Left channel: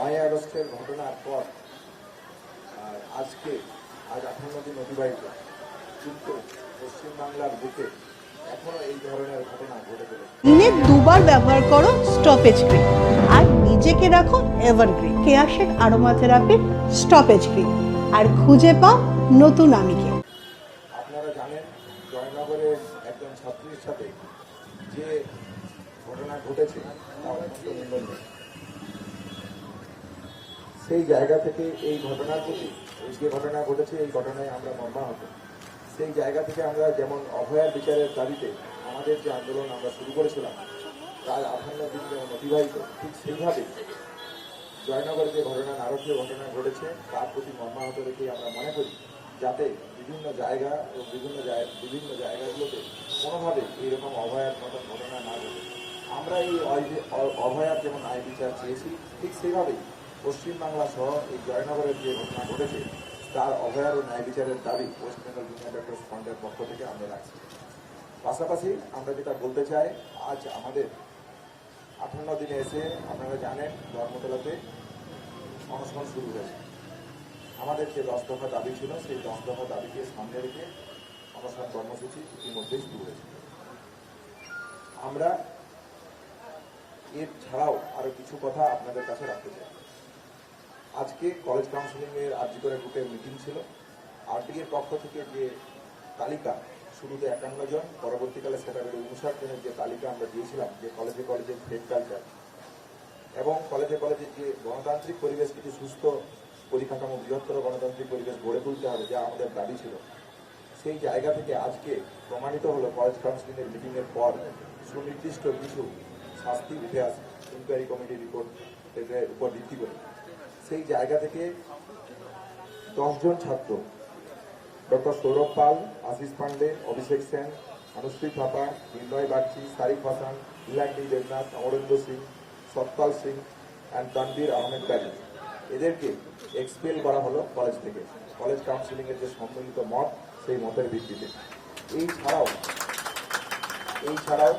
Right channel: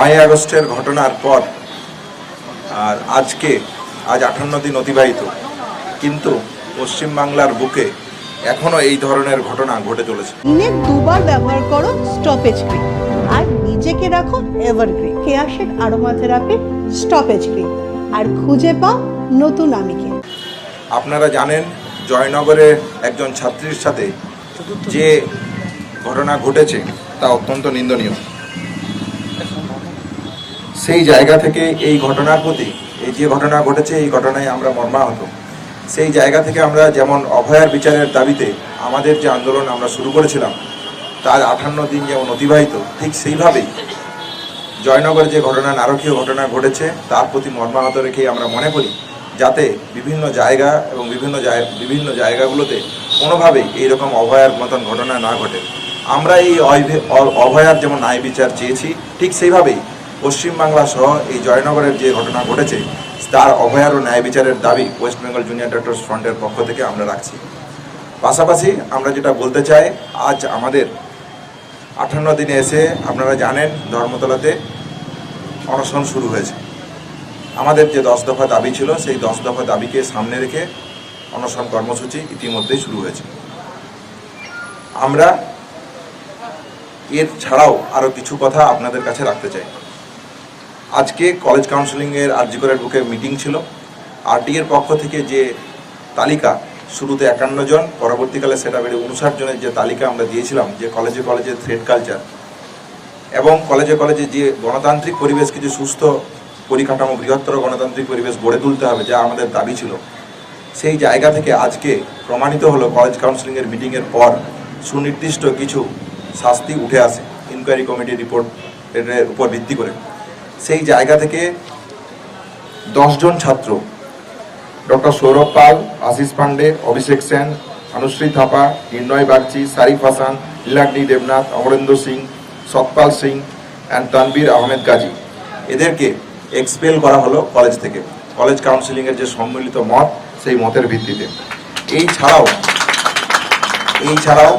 নয় আগস্টের ঘটনার পর আর আজকে আজ আঠান্ন দিন অতিবাহিত। কিন্তু পশ্চিমবাংলার বুকে এখনও এই ধরনের ঘটনা ঘটে চলেছে। দিনে দুবার ব্যবহার করো স্টপেজ ক্রিম আর নিজেকে রাখো evergreen Keya Seth aromatherapy stop age cream আর খুঁজে পাও নতুন আমিকে। আপনারা জানেন জয়নগরের একজন ছাত্রীর সাথে যে ঘটনা ঘটেছে তা অত্যন্ত নিন্দনীয়। সেই জায়গা থেকে এই ঘটনার প্রতি, এই যে ঘটনা ঘটেছে, এই ঘটনায় আমরা মর্মাহত। সেই জায়গা থেকে আমরা যেমন অভয়ার বিচারের দাবিতে আমাদের যে আন্দোলন আমরা শুরু করেছিলাম, তার আঠান্ন দিন যেমন অতিবাহিত, ঠিক সেইভাবেই জয়নগরে যে ঘটনা, নারকীয় ঘটনা ঘটেছে, তার প্রতি মর্মাহত রেখেই আমরা মনে করি, যাতে বিভিন্ন জায়গা এবং বিভিন্ন বিভিন্ন জায়গাগুলোতে কোনোভাবেই এইরকম অভয়ার মতন ঘটনা না ঘটে। আমরা এই অভে- অভয়ার যেমন ন্যায় বিচার চেয়েছি, ঠিক সেইভাবেই পশ্চিমবাংলা সহ এই জয়নগরের যে ঘটনা ঘটেছে, তার অভয়ার ও ন্যায় বিচারের দাবি ওয়েস্ট বেঙ্গল জুনিয়র ডক্টরস ফ্রন্টের পক্ষ থেকে আমরা রাখছি। পাশাপাশি আমরা যেটা বলতে চাই, আজ আমাদের আঠান্ন দিনে এসে আপনারা জানেন ধর্মতলাতে অনশন শুরু হয়েছে। আমাদের যে দশ দফা দাবি ছিল, সেই দশ দফা দাবিকে সামনে রেখে অনশন কর্মসূচি ইতিমধ্যেই শুরু হয়েছে। আমরা এর ছাড়াও আরও কিছু কথা আপনাদের কাছে রাখতে চাই। আজকে কলেজ কাউন্সিলিংয়ের আরজিকরের বুকে মিটিং ছিল। আরটি এর পক্ষ থেকে যে তালিকা, শুরুতে একান্ন জন, পরবর্তীকালে সেটা বেড়ে উনষাট জনের যে তালিকা আমরা দিয়েছিলাম, যে কলেজে কলেজে থ্রেড কালচার এবং কলেজে কলেজে যে গণতান্ত্রিক পরিবেশ, কিছু সুস্থ পরিকাঠামো, বৃহত্তর গণতান্ত্রিক পরিবেশ গড়ে তুলতে হবে, যা আমাদের দাবি ছিল। সেই জায়গা থেকে আজকে প্রমাণিত হলো কলেজ কাউন্সিলিংয়ের মিটিংয়ের পর সুনির্দিষ্ট কিছু শাস্তি উঠে আসে ইনকোয়ারি কমিটি রিপোর্ট উপর ভিত্তি করে। সেই জায়গা থেকে দশজন ছাত্র, ডক্টর সৌরভ পাল, আশিস পান্ডে অভিষেক সেন, অনুশ্রী থাপা, নির্ণয় বাগচি, সারিফ হাসান, লীলাগ্নি দেবনাথ, অমরেন্দ্র সিং, সতপাল সিং অ্যান্ড তানবীর আহমেদ গাজী এদেরকে এক্সপেল করা হলো কলেজ থেকে। কলেজ কাউন্সিলিংয়ের যে সম্মিলিত মত, সেই মতের ভিত্তিতে। এই ছাড়াও এই ছাড়াও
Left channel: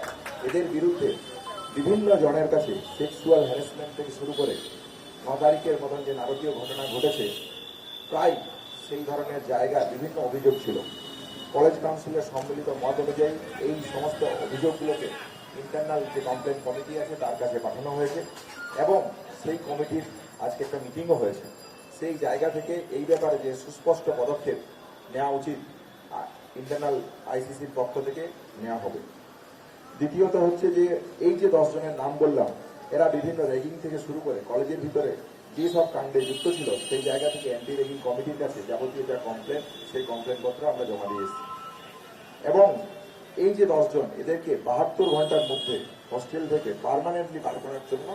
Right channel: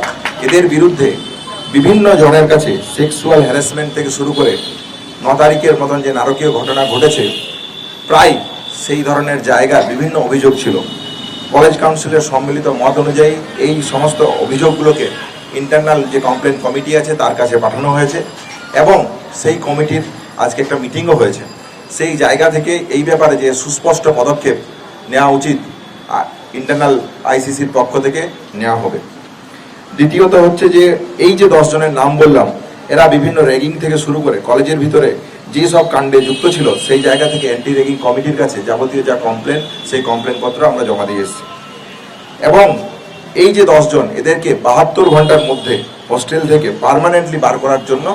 এদের বিরুদ্ধে বিভিন্ন জনের কাছে সেক্সুয়াল হ্যারাসমেন্ট থেকে শুরু করে ন তারিখের মতন যে নারকীয় ঘটনা ঘটেছে, প্রায় সেই ধরনের জায়গার বিভিন্ন অভিযোগ ছিল। কলেজ কাউন্সিলের সম্মিলিত মত অনুযায়ী এই সমস্ত অভিযোগগুলোকে ইন্টারনাল যে কমপ্লেন কমিটি আছে, তার কাছে পাঠানো হয়েছে এবং সেই কমিটির আজকে একটা মিটিংও হয়েছে। সেই জায়গা থেকে এই ব্যাপারে যে সুস্পষ্ট পদক্ষেপ নেওয়া উচিত ইন্টারনাল আইসিসির পক্ষ থেকে নেওয়া হবে। দ্বিতীয়ত হচ্ছে যে এই যে দশজনের নাম বললাম এরা বিভিন্ন র্যাগিং থেকে শুরু করে কলেজের ভিতরে যে সব কাণ্ডে যুক্ত ছিল, সেই জায়গা থেকে অ্যান্টি র্যাগিং কমিটির কাছে যাবতীয় যা কমপ্লেন সেই কমপ্লেন পত্র আমরা জমা দিয়ে এসেছি। এবং এই যে দশজন এদেরকে বাহাত্তর ঘণ্টার মধ্যে হোস্টেল থেকে পার্মানেন্টলি বার করার জন্য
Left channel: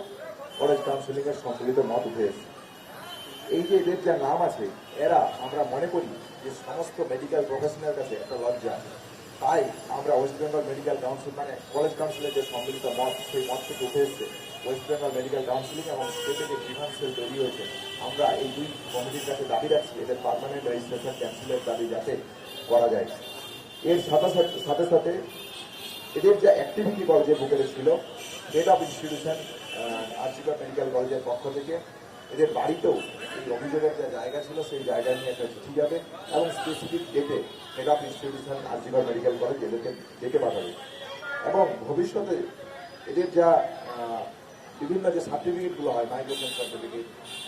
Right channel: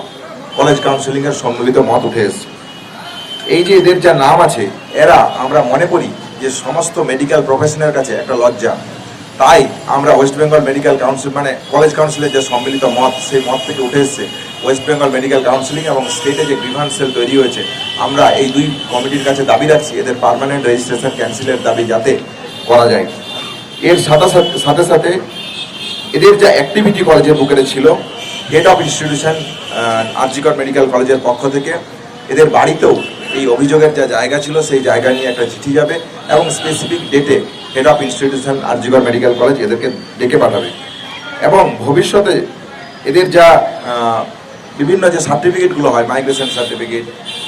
কলেজ কাউন্সিলিংয়ের সম্মিলিত মত উঠে এসেছে। এই যে এদের যা নাম আছে, এরা আমরা মনে করি যে সমস্ত মেডিকেল প্রফেশনের কাছে একটা লজ্জা। তাই আমরা ওয়েস্ট বেঙ্গল মেডিকেল কাউন্সিল মানে কলেজ কাউন্সিলের যে সম্মিলিত মত, সেই মত থেকে উঠে এসেছে। ওয়েস্ট বেঙ্গল মেডিকেল কাউন্সিলিং এবং স্টেটে যে গ্রিভান্স সেল তৈরি হয়েছে, আমরা এই দুই কমিটির কাছে দাবি রাখছি, এদের পার্মানেন্ট রেজিস্ট্রেশন ক্যান্সেলের দাবি যাতে করা যায়। এর সাথে সাথে সাথে এদের যা অ্যাক্টিভিটি কলেজের বুকেরে ছিল head of institution RG Kar medical কলেজের পক্ষ থেকে, এদের বাড়িতেও এই অভিযোগের যা জায়গা ছিল, সেই জায়গা নিয়ে একটা চিঠি যাবে এবং স্পেসিফিক ডেটে head of institution RG Kar medical college এদেরকে ডেকে পাঠাবে। এবং ভবিষ্যতে এদের যা বিভিন্ন যে সার্টিফিকেটগুলো হয় মাইগ্রেশন সার্টিফিকেট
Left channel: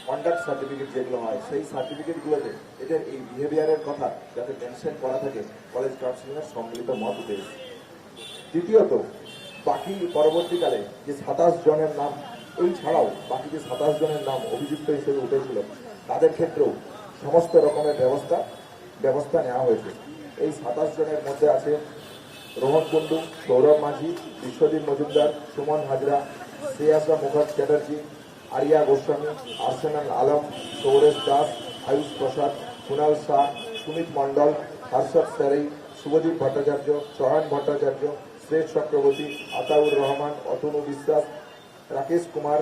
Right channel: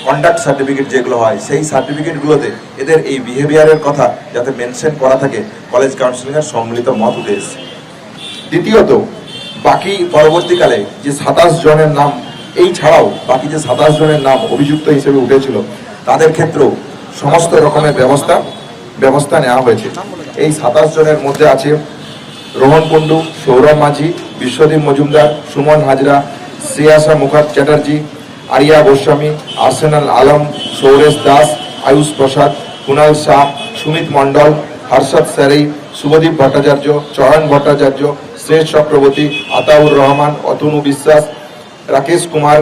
কন্ডাক্ট সার্টিফিকেট যেগুলো হয়, সেই সার্টিফিকেটগুলোতে এদের এই বিহেভিয়ারের কথা যাতে মেনশন করা থাকে কলেজ কাউন্সিলিংয়ের সম্মিলিত মত এসেছে দ্বিতীয়ত, বাকি পরবর্তীকালে যে সাতাশ জনের নাম, এই ছাড়াও বাকি যে সাতাশ জনের নাম অভিযুক্ত হিসেবে উঠেছিল, তাদের ক্ষেত্রেও সমস্ত রকমের ব্যবস্থা ব্যবস্থা নেওয়া হয়েছে। এই সাতাশ জনের মধ্যে আছে রোহন কুণ্ডু, সৌরভ মাঝি, বিশ্বদীপ মজুমদার, সুমন হাজরা শ্রেয়াসা মুখার চ্যাটার্জি আরিয়া গোস্বামী, আর্সেনাল আলম, সৌরেশ দাস, আয়ুষ প্রসাদ কুণাল শাহ, সুমিত মণ্ডল, হর্ষদ স্যারেই শুভদীপ ভট্টাচার্য চরণ ভট্টাচার্য শ্রেষ চক্রবর্তী আতাউর রহমান, অতনু বিশ্বাস, রাকেশ কুমার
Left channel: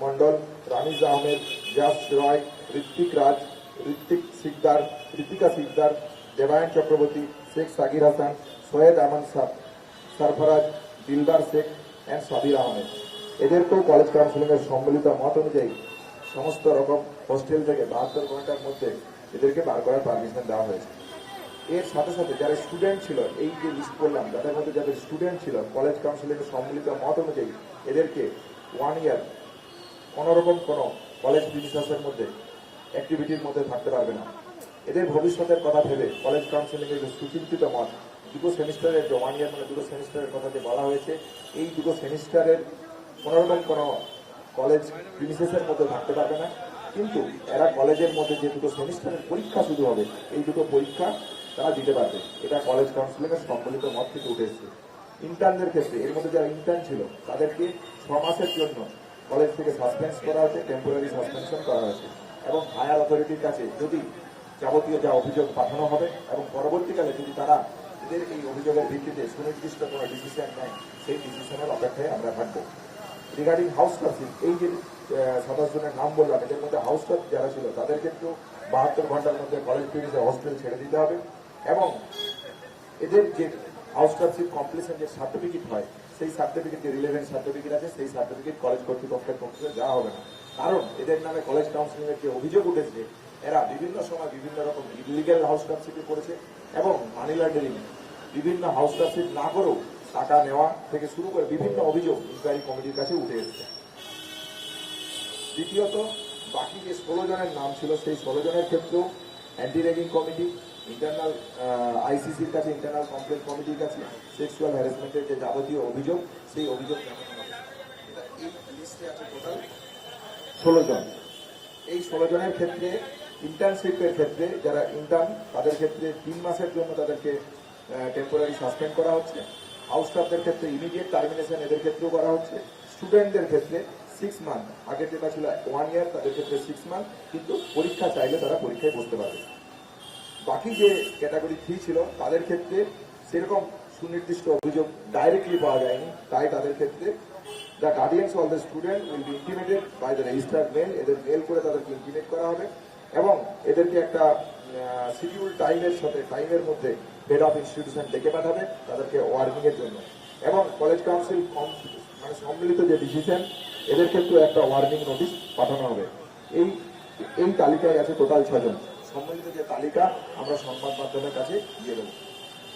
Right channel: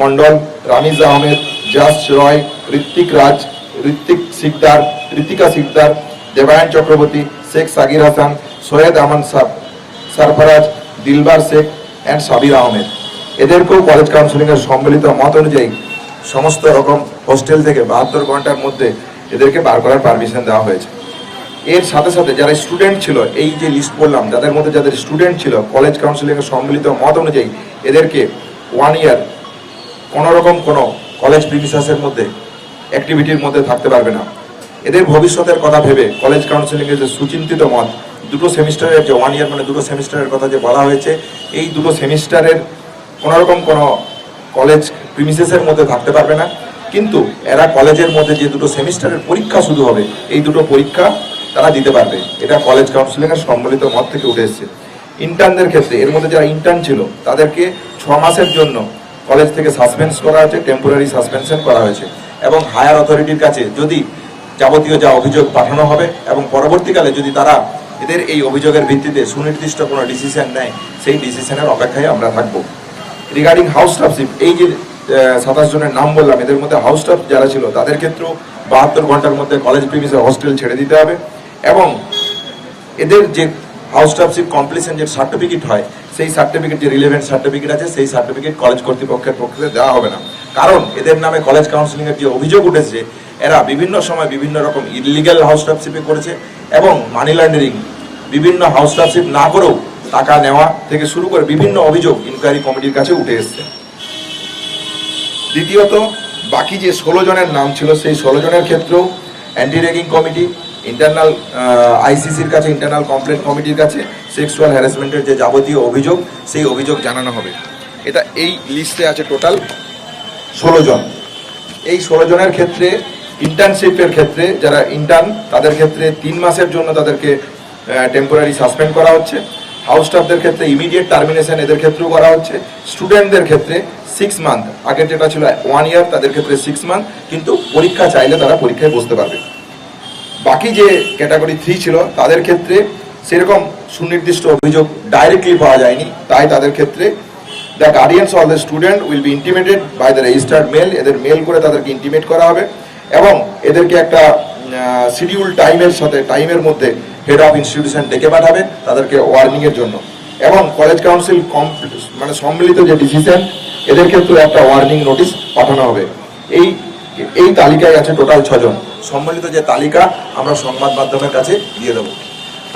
মণ্ডল, রামিজ আহমেদ, জাস রয়, ঋত্বিক রাজ, ঋত্বিক সিকদার, ঋতিকা সিকদার, দেবায়ন চক্রবর্তী, শেখ সাগির হাসান, সৈয়দ আহমান সাহ সরফরাজ, দিলবার শেখ অ্যান্ড সাবির আহমেদ। এদেরকেও কলেজ কাউন্সিলিংয়ের সম্মিলিত মত অনুযায়ী সমস্ত রকম হোস্টেল থেকে বাহাত্তর ঘণ্টার মধ্যে এদেরকে বার করার পারমিশন দেওয়া হয়েছে। এর সাথে সাথে যারা স্টুডেন্ট ছিল, এই যে লিস্ট বললাম, যাদের মধ্যে যাদের স্টুডেন্ট ছিল কলেজ কাউন্সিলিংয়ের সম্মিলিত মত অনুযায়ী এদেরকে ওয়ান ইয়ার কোনো রকম কোনো কলেজ প্রিমিসাসের মধ্যে অ্যাক্টিভিটির মধ্যে থাকতে পারবে না। এদের ভবিষ্যতের কথা ভেবে কলেজ কাউন্সিলিংয়ের যে সুচিন্তিত মত, দুটো সেমিস্টারের যে ওয়ান ইয়ার মানে দুটো সেমিস্টারের কথা যে বলা হয়েছে, এই দুটো সেমিস্টারের কোনো রকম কোনো কলেজ প্রিমিসেসের মধ্যে থাকতে পারবে না। কিন্তু এরা কলেজের মধ্যে যে দুটো সেমিস্টারের পরীক্ষা শুরু হবে, এই দুটো পরীক্ষা তারা দিতে পারবে। এটা কলেজ কাউন্সিলিংয়ের সম্মিলিত মত থেকে উঠে এসেছে। ইন্টার্নদের ক্ষেত্রে, এর মধ্যে যারা ইন্টার্ন ছিল, তাদেরকে ছ মাসের জন্য কলেজ থেকে সাসপেন্স করা হয়েছে টেম্পোরারি সাসপেনশন করা হয়েছে। এবং হায়ার অথরিটির কাছে যদি যাবতীয় যা অভিযোগ পাঠানো হবে এবং পরবর্তীকালে যদি তারা এদের এই অভিযোগের ভিত্তিতে সুনির্দিষ্ট কোনো ডিসিশন নেয়, সেই ডিসিশনের অপেক্ষায় আমরা থাকব। রিগার্ডিং হাউস স্টাফশিপ এই যে সাতাশ জনের নাম বললাম, এদের মধ্যে হাউস স্টাফ যারা ছিল, তাদের ক্ষেত্রেও বাহাত্তর ঘণ্টার মধ্যে কলেজ প্রিমিসে হস্টেল ছেড়ে দিতে হবে। এবং এদের যে হাউস স্টাফশিপ কমপ্লিশন যে সার্টিফিকেট হয়, সেই সার্টিফিকেট যে রিলেভেন্ট সার্টিফিকেট আছে, সেই সার্টিফিকেট কলেজ কর্তৃপক্ষের পক্ষে দেওয়া হবে না। কারণ এদের নামে কলেজ কাউন্সিলিংয়ের যে অভিযোগ উঠেছে, এরা বিভিন্ন সময় বিভিন্ন রকম ইলিগাল হাউস স্টাফশিপে করেছে এবং মানি লন্ডারিং বিভিন্ন হাউস স্টাফশিপ না করেও টাকা নেওয়া থেকে শুরু করে বিভিন্ন অভিযোগ ইনকোয়ারি কমিটির কাছে উঠে এসছে। দ্বিতীয়ত, বাকি যে ষোলো জনের নাম ছিল, সেই ষোলো জনের ক্ষেত্রেও অ্যান্টি রেগিং কমিটি ইন্টারনাল আইসিসির কাছে ইন্টারনাল কমপ্লেন কমিটির কাছে সেক্সুয়াল হ্যারাসমেন্টের যে যাবতীয় অভিযোগ, সেই অভিযোগ জানানো হবে। এটা এই লিস্টে আছে টোটাল ষোলো জন। এই ষোলো জনের ক্ষেত্রে ইন্টার্নশিপের ক্ষেত্রে যারা ইন্টার্ন তাদের ক্ষেত্রে তিন মাসের জন্য তাদেরকে টেম্পোরারি সাসপেন্ড করা হচ্ছে। হাউস স্টাফদের ক্ষেত্রে ইমিডিয়েট টার্মিনেশন এদের ক্ষেত্রেও করা হচ্ছে। স্টুডেন্টদের ক্ষেত্রে সিক্স মান্থ আগের যেটা ছিল ওয়ান ইয়ার তাদের ক্ষেত্রে সিক্স মান্থ কিন্তু পরীক্ষা চাইলে তারা পরীক্ষায় বসতে পারবে। বাকি যে ক্যাটাগরি থ্রি ছিল, তাদের ক্ষেত্রে সেরকম সুনির্দিষ্ট অভিযোগ ডাইরেক্টলি পাওয়া যায়নি। তাই তাদের ক্ষেত্রে the guardians all the student will be intimated by the registered mail এদের মেল করে তাদেরকে ইন্টিমেট করা হবে। এবং এদেরকে একটা শিডিউল টাইমের সাথে টাইমের মধ্যে হেড অফ ইনস্টিটিউশন ডেকে পাঠাবে তাদেরকে ওয়ার্নিং এর জন্য। এবং কলেজ কাউন্সিল মানে সম্মিলিত যে ডিসিশন এদের ক্ষেত্রে একটা ওয়ার্নিং নোটিশ পাঠানো হবে। এই এই তালিকায় আছে টোটাল ছজন। সম্মিলিত যে তালিকা, আমরা সংবাদ মাধ্যমের কাছে দিয়ে দেবো।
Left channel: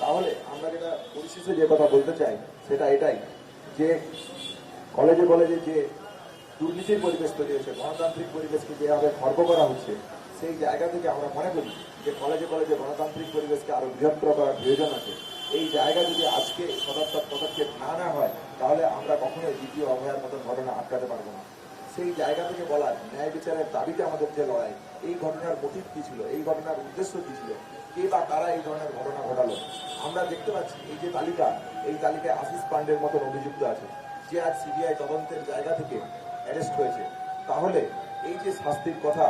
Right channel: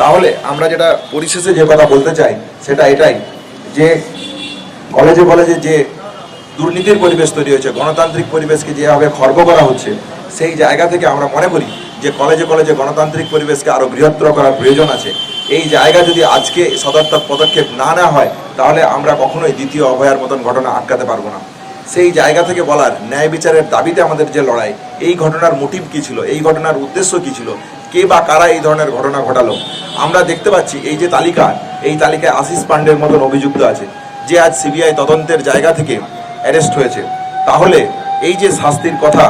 তাহলে আমরা যেটা পরিশেষে যে কথা বলতে চাই, সেটা এটাই যে কলেজে কলেজে যে দুর্নীতির পরিবেশ তৈরি হয়েছে, গণতান্ত্রিক পরিবেশকে যেভাবে খর্ব করা হচ্ছে, সেই জায়গা থেকে আমরা মনে করি যে কলেজে কলেজে গণতান্ত্রিক পরিবেশকে আরও বৃহত্তর করার প্রয়োজন আছে, এই জায়গা যদি আজকে সদর্থক পদক্ষেপ না নেওয়া হয়, তাহলে আমরা কখনোই দ্বিতীয় অভয়ার মতন ঘটনা আটকাতে পারব না। সেই জায়গা থেকে বলার ন্যায় বিচারের দাবিতে আমাদের যে লড়াই, এই ঘটনার মোটিভ কি ছিল? এই ঘটনার উদ্দেশ্য কি ছিল? কে বা কারা এই ধরনের ঘটনা ঘটালো? আমরা দেখতে পাচ্ছি এই যে তালিকা, এই তালিকায় আশিস পান্ডের মতন অভিযুক্ত আছে, যে আজ সিবিআই তদন্তের জায়গা থেকে অ্যারেস্ট হয়েছে। তাহলে এই যে শাস্তির কথা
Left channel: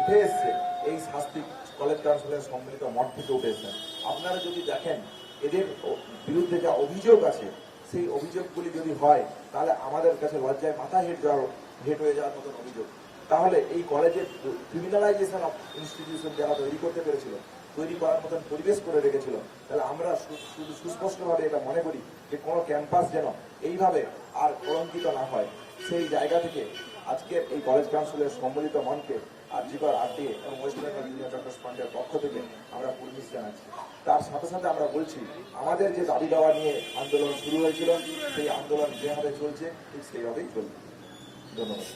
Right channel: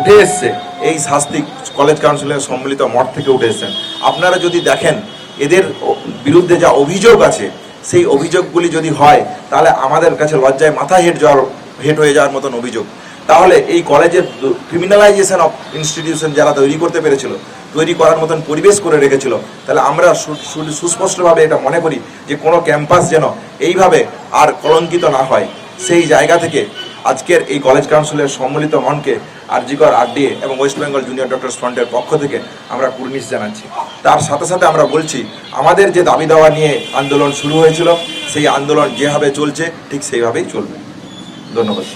উঠে এসছে, এই শাস্তি কলেজ কাউন্সিলের সম্মিলিত মঠ থেকে উঠে এসছেন। আপনারা যদি দেখেন, এদের বিরুদ্ধে যা অভিযোগ আছে, সেই অভিযোগগুলি যদি হয়, তাহলে আমাদের কাছে লজ্জায় মাথা হেট যাওয়ার, হেট হয়ে যাওয়ার মতন অভিযোগ। তাহলে এই কলেজের ক্রিমিনালাইজেশন অফ ইনস্টিটিউশন যারা তৈরি করতে পেরেছিল, তৈরি করার মতন পরিবেশ করে রেখেছিল, তাহলে আমরা সুস্পষ্টভাবে এটা মনে করি যে কোনো ক্যাম্পাস যেন এইভাবে আর কলঙ্কিত না হয়। সেই জায়গা থেকে আজকের এই কলেজ কাউন্সিলের সম্মিলিত মনকে আরজিকর আরডিএ এবং ওয়েস্ট বেঙ্গল জুনিয়র ডক্টর ফ্রন্টের পক্ষ থেকে আমরা কুর্নিশ জানাচ্ছি। তার সাথে সাথে আমরা বলছি, আমাদের যে দাবি দাওয়া নিয়ে আন্দোলন শুরু হয়েছিল, সেই আন্দোলন যেভাবে চলছে, ঠিক সেইভাবেই চলবে। ধন্যবাদ।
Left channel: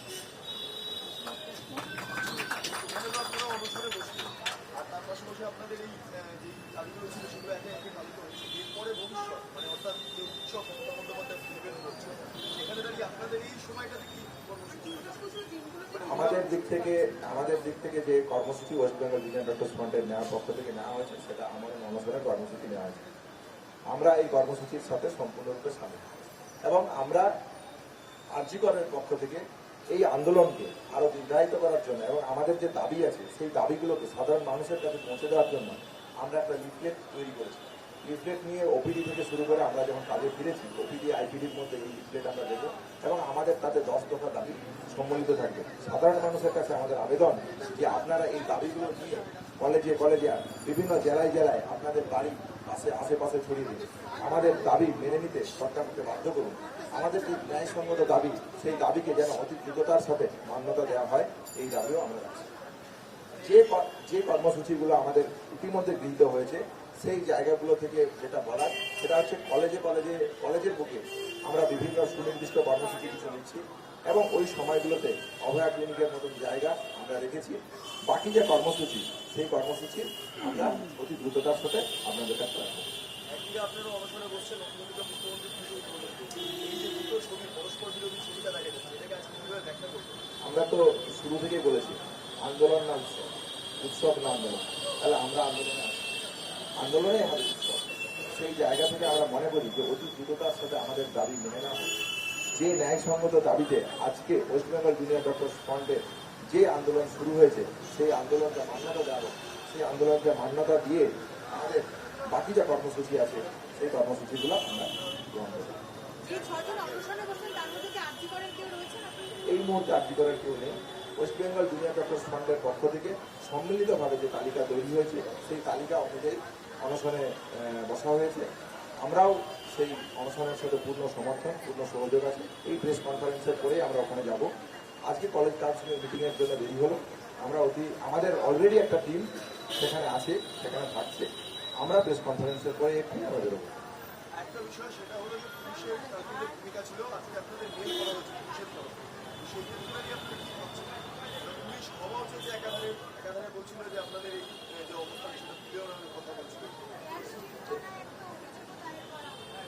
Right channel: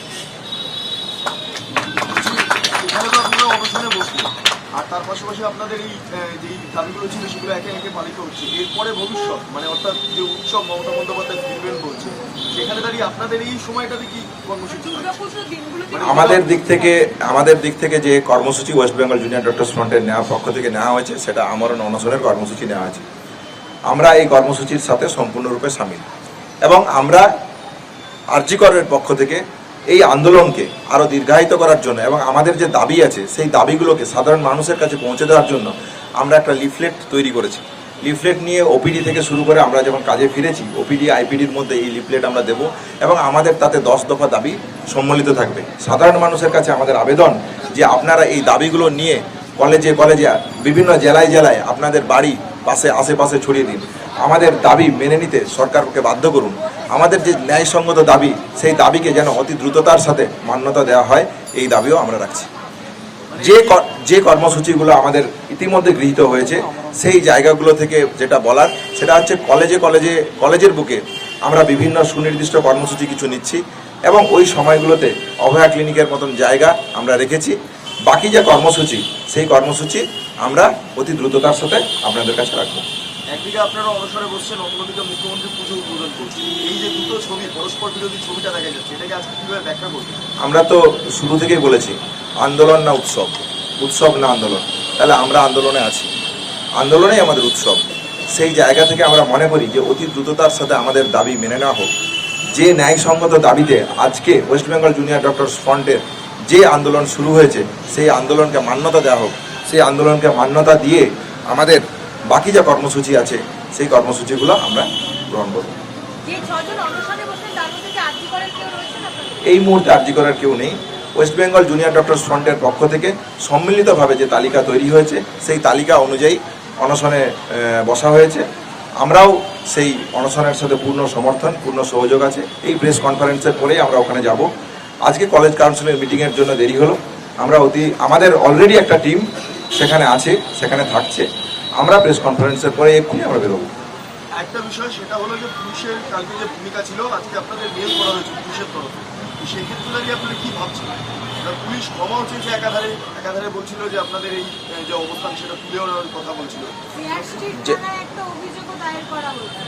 আর তার পাশাপাশি আপনাদের এই যেই দাবিগুলো ছিল সেগুলো একে একে পালিত হচ্ছে। এরপরে ভবিষ্যৎ মানে অর্থাৎ যে উৎসব মমতা বন্দ্যোপাধ্যায় ফিরবেন বলছে সেখানে দাঁড়িয়ে আপনাদের এই সময়টাতে কি কর্মসূচি মানে আমাদের দিক থেকে আমাদের দিক থেকে যে কর্মসূচি ওয়েস্ট বেঙ্গল জুনিয়র ডক্টর ফ্রন্টের নেওয়া পক্ষ থেকে নেওয়া হয়েছে সেটা আমরণ অনশনের কর্মসূচি নেওয়া আছে আমরা এই কর্মসূচির সাথে সম্পূর্ণরূপে সামিল। এবং আমরা আর্যিকরের পক্ষ থেকে এই আন্দোলনকে আরও দীর্ঘায়িত করার জন্য এবং আমাদের যে দাবি আছে, সেই দাবিগুলোকে সাধারণ মানুষের কাছে পৌঁছে দেওয়ার জন্য আমরা একটা লিফলেট তৈরি করেছি। লিফলেট নিয়ে ওপিডি থেকে শুরু করে আমরা যখন কাজে ফিরেছি ওপিডি আইপিডির মধ্যে এই লিফলেট আমরা দেব এবং আমাদের তাতে দশ দফা দাবি সম্মিলিত থাকবে। সাধারণ মানুষের কাছে আমাদের আবেদন যে আপনারা এই দাবিগুলো নিয়ে কলেজে কলেজে বিভিন্ন জেলায় জেলায় আপনাদের বাড়ি পাশে, আশেপাশে ছড়িয়ে দিন। আমাদের দাবি মেনে নিতে সরকারকে বাধ্য করুন। আমাদের যে ন্যায়সঙ্গত দাবি, সেই দাবিকে যেন অতি দ্রুততার সাথে মান্যতা দেওয়া হয়, এই দাবিও আমরা রাখছি। যে যে কর্মসূচিগুলো আমাদের ইতিমধ্যে গৃহীত হয়েছে, সেই জায়গাগুলো থেকে যেটা বলার, সেটা হচ্ছে কলেজে কলেজে, কলেজের বুকে আমরা বিভিন্ন সুনির্দিষ্ট কর্মসূচি কিছু নিচ্ছি এবং ওই সময়গুলোতে অভয়া ক্লিনিকের মতন জায়গা আমরা রেখেছি। বাকি যে কর্মসূচি, সেই কর্মসূচি আমরা অতি দ্রুততার সাথে আপনাদের কাছে রাখব। একদিকে আপনারা অনশনে বসছেন অন্যদিকে মুখ্যমন্ত্রী পুজো উদ্বোধন করছেন। এই যে দুটো ছবি, পরস্পর বিরোধী ছবিটা দেখা যাচ্ছে, এটাকে আজকে কীভাবে ব্যাখ্যা করবেন? আমরা তো শুরু থেকেই বলেছি, আন্দোলন না উৎসব? উৎসব না আন্দোলন? তাহলে আমরা আন্দোলনে আছি। আন্দোলনেই আমাদের উৎসব। সেই জায়গা থেকে আমরা মনে করি যে অতি দ্রুততার সাথে আমাদের দাবি মেনে নেওয়া হোক। যে ন্যায়সঙ্গত দাবিতে আজকে ওয়েস্ট বেঙ্গল জুনিয়র ডক্টরস ফ্রন্টের যে আন্দোলন শুরু হয়েছে, সেই আন্দোলনকে মান্যতা দেওয়া হোক। সেই আন্দোলনকে মান্যতা দিয়ে আমাদের বাকি যা কর্মসূচি আছে সেই কর্মসূচিগুলো আমরা গ্রহণ করব। এই মুহূর্তে আর্জি করার কেউ নেই। ওয়েস্ট বেঙ্গল জুনিয়র ডক্টরস ফ্রন্টের পক্ষ থেকে সম্মিলিতভাবে যে তালিকা তৈরি হয়েছে সেই তালিকা অনুযায়ী অনশনে বসা হয়েছে। আমরাও সেই অনশনের সাথে পূর্ণ সমর্থন পূর্ণ সহযোগ আছে। এই প্রেস কনফারেন্সের পরেই আমরা ওখানে যাব। আজকে কলেজ কাউন্সিলের মিটিংয়ের জন্য দেরি হলো। আমরা অতি আমাদের অলরেডি একটা টিম সেখানে আছে সেখানে থাকছে। আমরা প্রেস কনফারেন্সের পরে এক্ষুনি আমরা বেরোবো। একটা বিষয় সেটা হলো যে পুলিশের কালকে যে ভূমিকা ছিল আজকে আপনাদের মেল করা হয়েছে পুলিশের তরফে। সেক্ষেত্রে দাঁড়িয়ে আপনারা কি ভাবছেন? পুলিশ ক্ষমাও চেয়েছে একাধারে একাধারে বলছিল যে আপনাদের এই যে অবস্থান সেটা তুলে নেওয়ার কথা বলছিল। যে- থানায় একটা অভিযোগও দায়ের করা হয়েছে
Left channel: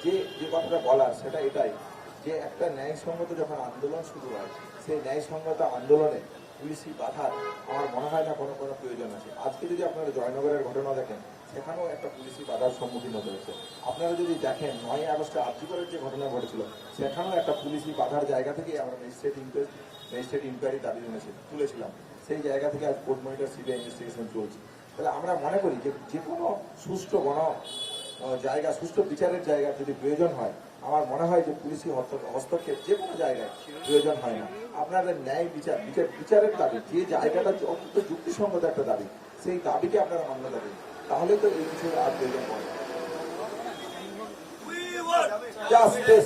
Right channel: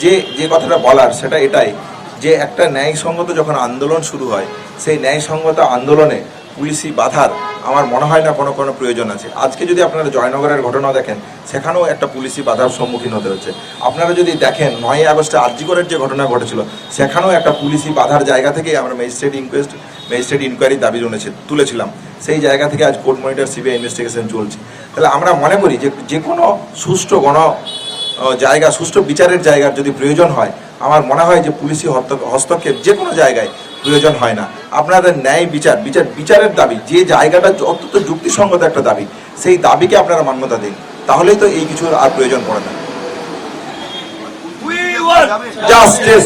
যে যে কথাটা বলার সেটা এটাই। যে একটা ন্যায়সঙ্গত যখন আন্দোলন শুরু হয় সেই ন্যায়সঙ্গত আন্দোলনে পুলিশি বাধার আমার মনে হয় না কোনো কোনো প্রয়োজন আছে। আজকে যদি আপনারা জয়নগরের ঘটনা দেখেন, সেখানেও একটা পুলিশি বাধার সম্মুখীন হতে হচ্ছে। আপনারা যদি দেখেন নয় আগস্টে আরজিকরের যে ঘটনা ঘটেছিল, সেখানেও একটা পুলিশি বাধার জায়গা থেকেই আমরা ম্যাজিস্ট্রেট ইনকোয়েস্ট, ম্যাজিস্ট্রেট ইনকোয়ারি দাবি জমেছে তুলেছিলাম। সেই জায়গা থেকে আজ কোর্ট মনিটর সিবিআই ইনভেস্টিগেশন চলছে। তাহলে আমরা মনে করি যে যে কোনো সুষ্ঠু গণ জায়গা, সুষ্ঠু বিচারের জায়গার যদি প্রয়োজন হয়, আমার মনে হয় যে পুলিশি হস্ত- হস্তক্ষেপ যে কোনো জায়গায় প্রয়োজন হয় না। আপনাদের ন্যায় বিচার বিচার বিচারের দাবি যে জায়গাটা অত্যন্ত যুক্তিসঙ্গত একটা দাবি সেই দাবিকে আপনারা মান্যতা দিন। তাহলেই তো এই কিছুর আর প্রয়োজন পড়ে না। জাস্টিস